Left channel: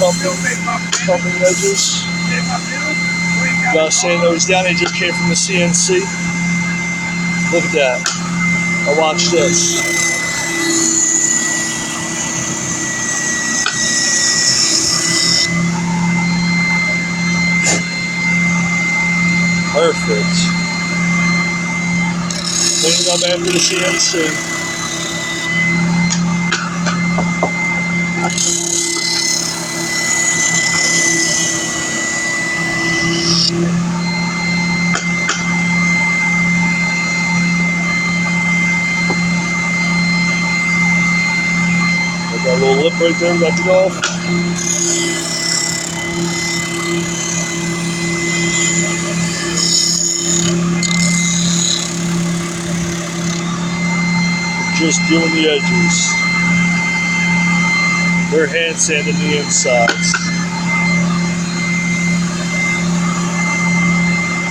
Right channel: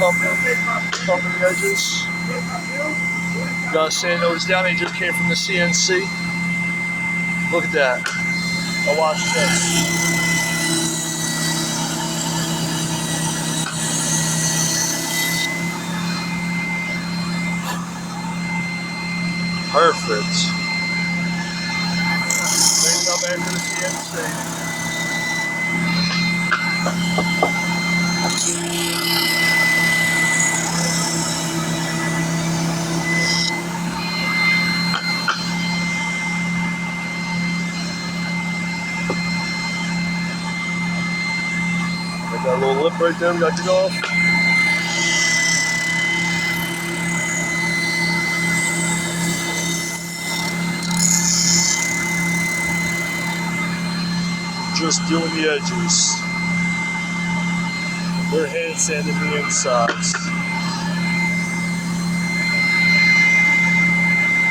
pumping edges. Got sand those down. They just came from the CNC. Look at that. Now watch this. Perfect. Clean it up after the CNC. Got a little lip right there we got to go. Just doing the edges. They're hand sanding the insides.